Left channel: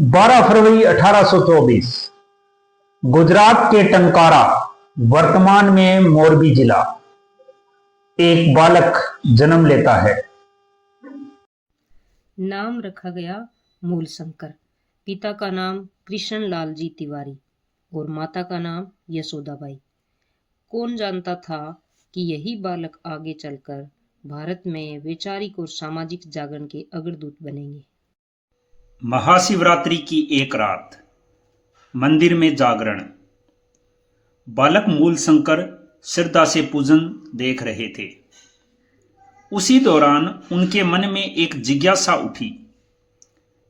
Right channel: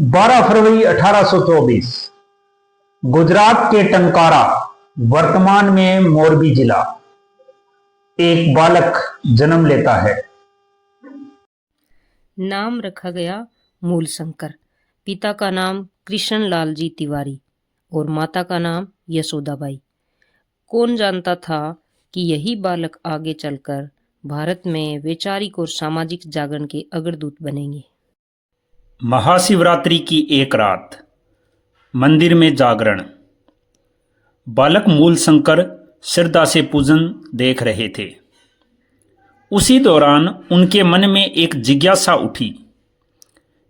12 फरवरी 1824 गुजरात के टंकारा, वर्तमान में मोरबी जिला, एक बालक जन्म लेता है। नाम रखा गया मूलशंकर। पिता का नाम कृष्णलाल जी तिवारी और माता का नाम यशोदाबाई। कौन जानता था कि यही बालक आगे चलकर भारत में वैचारिक और सामाजिक जागरण के अग्रदूत बनेंगे। महाशिवरात्रि की एक रात, मंदिर में जागरण। बालक मूलशंकर श्रद्धा से पूजन देख रहे थे। उसी दौरान उनके मन में एक जिज्ञासा उठी।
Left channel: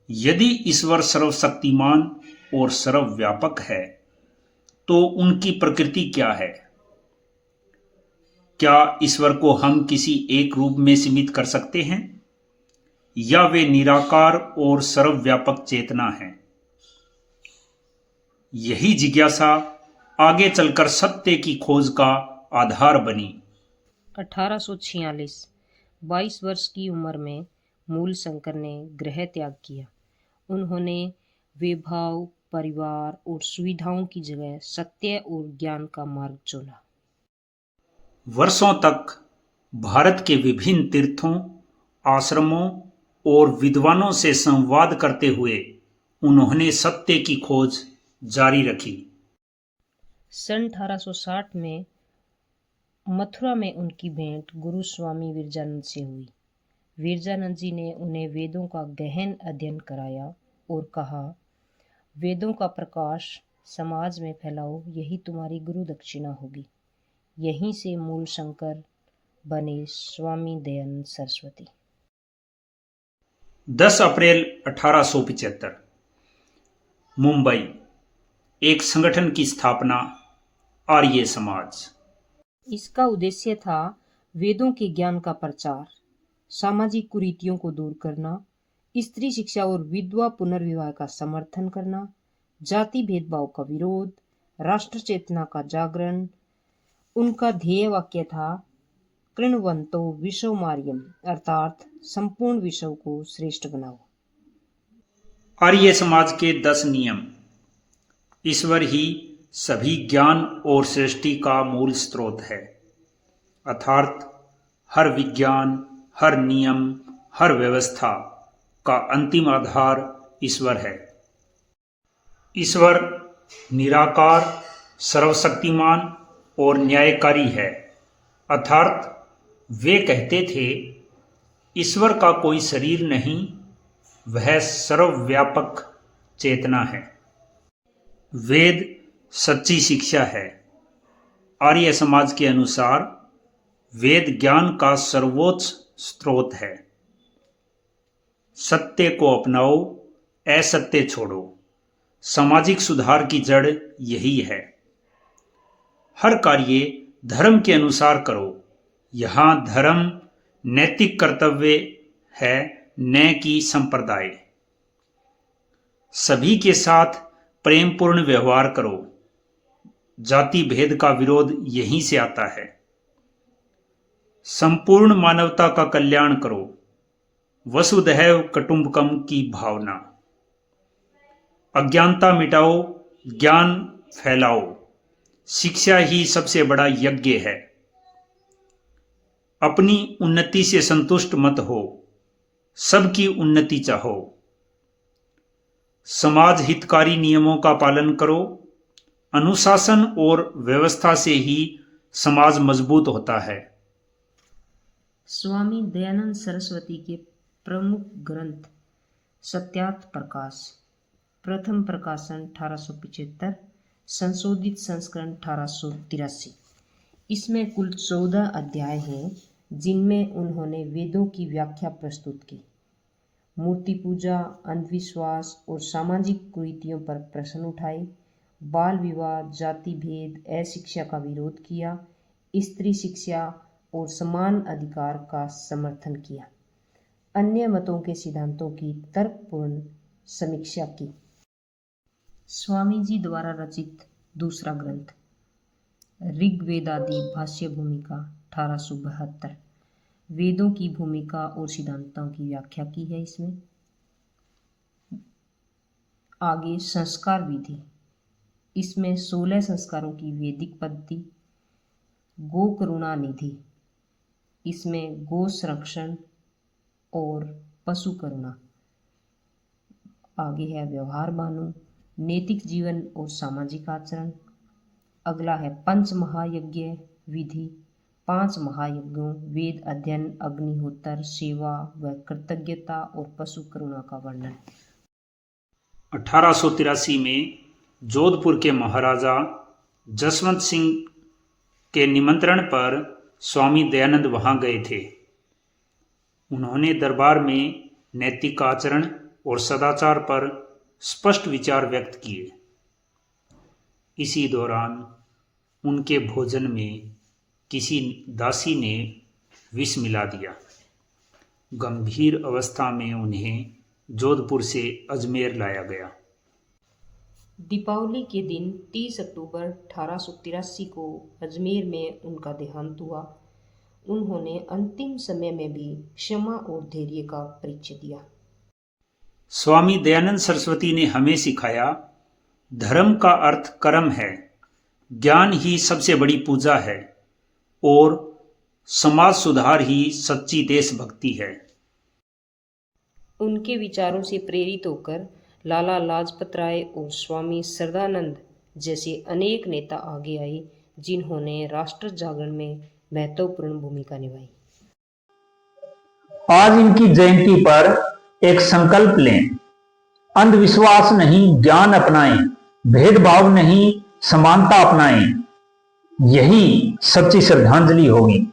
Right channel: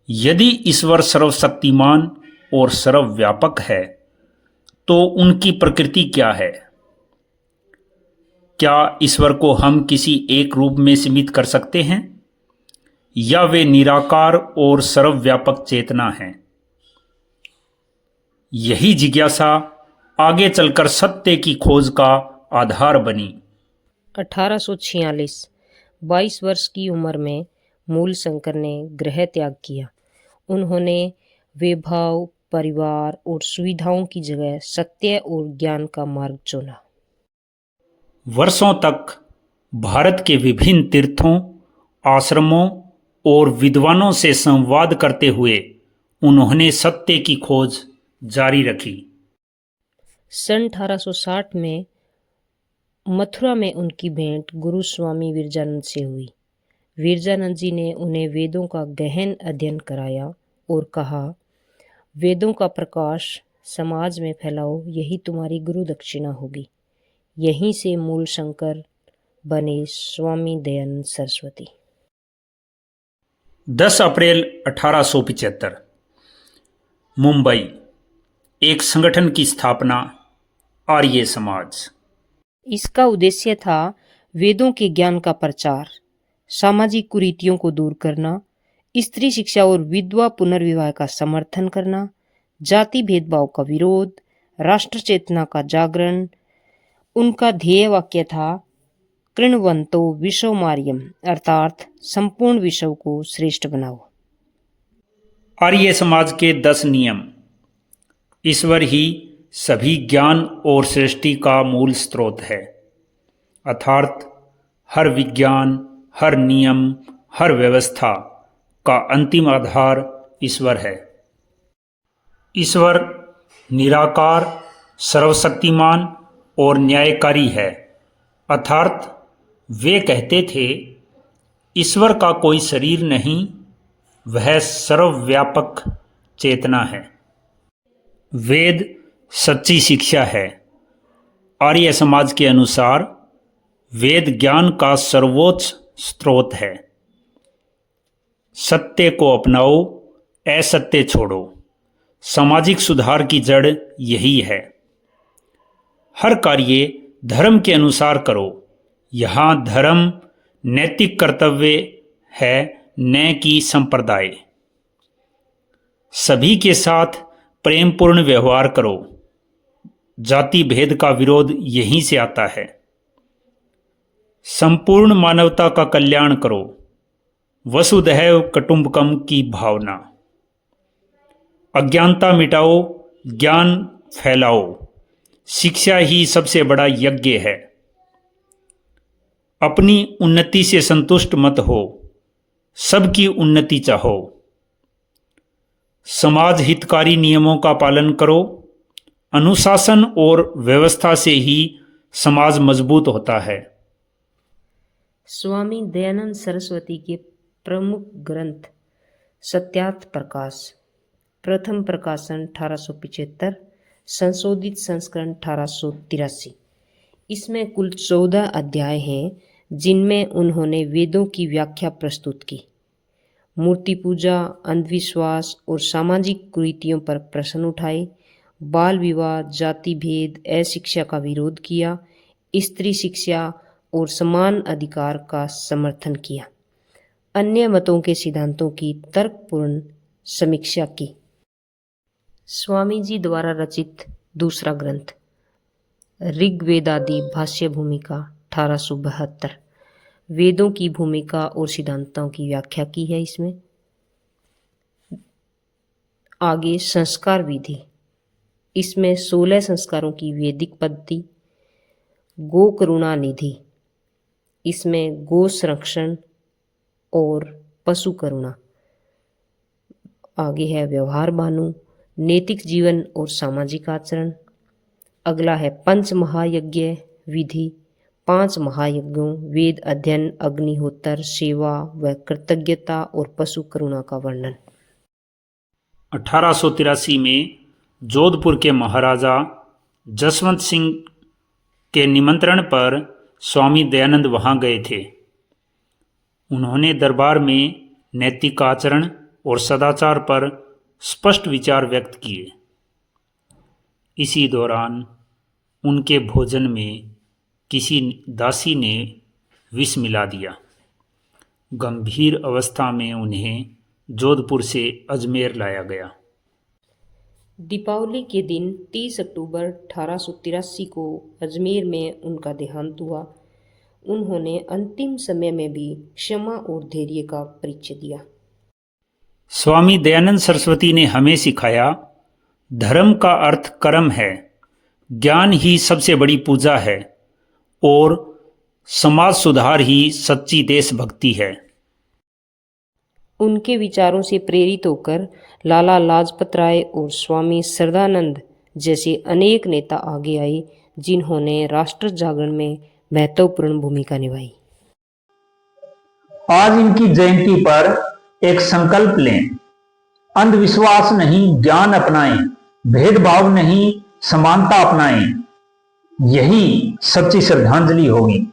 यदि ईश्वर सर्वशक्तिमान और सर्वव्यापक है तो उनकी प्रकृति क्या है? क्या ईश्वर को हम किसी एक रूप में सीमित कर सकते हैं या वे निराकार और सर्वव्यापक चेतना हैं? यही जिज्ञासा आगे चलकर सत्य की खोज का आधार बनी। 1846 22 वर्ष की उम्र में मूलशंकर ने गृह त्याग किया। उन्होंने वैभव, परिवार और सुविधाओं की जगह सत्य और ज्ञान का मार्ग चुना। वर्षों तक भारत के विभिन्न तीर्थों, आश्रमों और विद्वानों से संवाद करते हुए उन्होंने सत्य की खोज जारी रखी। सन 1860 में मथुरा में उनकी भेंट गुरु स्वामी विरजानंद से हुई। विरजानंद जी ने उन्हें वेदों का गहन अध्ययन कराया और कहा, वेदों का प्रकाश समाज में फैलाओ, यही तुम्हारी गुरु दक्षिणा होगी। यहीं से मूलशंकर बने स्वामी दयानंद सरस्वती। 10 अप्रैल 1875 मुंबई, एक संगठन की स्थापना, आर्य समाज। इसका उद्देश्य था वेदों के ज्ञान का प्रचार, सामाजिक कुरीतियों को दूर करना, स्त्री शिक्षा और विधवा पुनर्विवाह का समर्थन करना, जाति भेदभाव का विरोध, राष्ट्र चेतना का जागरण। उनका ध्येय वाक्य था, कृण्वन्तो विश्वमार्यम, अर्थात संपूर्ण विश्व को श्रेष्ठ बनाओ। आर्य समाज के 10 नियम। ईश्वर ही सभी ज्ञान और सृष्टि का मूल स्रोत है, अर्थात हर विज्ञान, हर नियम, हर व्यवस्था का अंतिम आधार ईश्वर है। ईश्वर निराकार, सर्वशक्तिमान और न्यायकारी है, अर्थात वे कहते थे, ईश्वर का कोई शरीर नहीं, वह सर्वव्यापक चेतना है। वेद सच्ची शिक्षा है। आर्य समाज के अनुसार वेद ज्ञान का सर्वोच्च स्रोत है। सत्य को अपनाओ, असत्य छोड़ो। सामाजिक सुधार की जड़ यही है। हर कार्य धर्म के अनुसार करो। यहाँ धर्म नैतिक कर्तव्य है, न कि संप्रदाय। सभी के साथ प्रेमपूर्ण व्यवहार करो। जाति भेद का विरोध यहीं से आता है। संपूर्ण मानवता का कल्याण करो। वसुधैव कुटुंबकम की भावना। अज्ञानता मिटाओ, ज्ञान फैलाओ। शिक्षा ही सबसे बड़ा यज्ञ है। अपनी उन्नति से संतुष्ट मत हो, सबकी उन्नति चाहो। समाज हितकारी नियमों का पालन करो। अनुशासन और व्यवस्था से ही समाज मजबूत होता है। स्वामी दयानंद सरस्वती के प्रमुख ग्रंथ सत्यार्थ प्रकाश, प्रथम प्रकाशन 1875, संशोधित संस्करण 1883। इसमें कुल 14 अध्याय हैं, जिनमें उन्होंने वेदों की व्याख्या प्रस्तुत की। मूर्ति पूजा, अंधविश्वास और सामाजिक कुरीतियों पर प्रश्न उठाए। बाल विवाह, जाति भेद, अशिक्षा का विरोध किया। स्त्री शिक्षा और समान अधिकार का समर्थन किया। अन्य मतों के सिद्धांतों की तर्कपूर्ण समीक्षा की। स्वामी जी द्वारा रचित दूसरा ग्रंथ ऋग्वेदादि भाष्य भूमिका 1872, वेदों की भूमिका और सिद्धांतों की व्याख्या की है इसमें। आगे संस्कार विधि, इसमें 16 संस्कारों की वैदिक पद्धति। गो करुणा निधि, इसमें गो संरक्षण और पशु करुणा। आगे है व्यवहार भानु, नैतिक जीवन और सामाजिक आचरण। अगला है पंच महायज्ञ विधि, 5 महायज्ञों, वेद अध्ययन, अग्निहोत्र, सेवा व कृतज्ञता और पशु करुणा का वर्णन। 1883 में जोधपुर के महाराजा जसवंत सिंह के निमंत्रण पर स्वामी दयानंद वहां गए थे। उन्होंने दरबार में नैतिक आचरण और सदाचार पर स्पष्ट विचार व्यक्त किए। इसी दौरान उनके भोजन में किसी दासी ने विष मिला दिया। गंभीर अवस्था में उन्हें जोधपुर से अजमेर लाया गया। दीपावली के दिन 30 अक्टूबर 1883 को अजमेर में उनका देहांत हुआ। उन्होंने अंतिम समय में भी क्षमा और धैर्य का परिचय दिया। स्वामी दयानंद सरस्वती ने हमें सिखाया, धर्म का अर्थ कर्म है, ज्ञान ही सबसे बड़ी पूजा है और समाज सुधार ही सच्ची देशभक्ति है। उनके विचारों से प्रेरित होकर लाला लाजपत राय और स्वामी श्रद्धानंद जैसे अनेक नेता आगे आए, जिन्होंने राष्ट्र जागरण में महत्वपूर्ण भूमिका निभाई। आज इनकी जयंती पर एक संकल्प लें, अंधविश्वास नहीं ज्ञान अपनाएं, भेदभाव नहीं समानता अपनाएं। यही सच्ची श्रद्धांजलि होगी।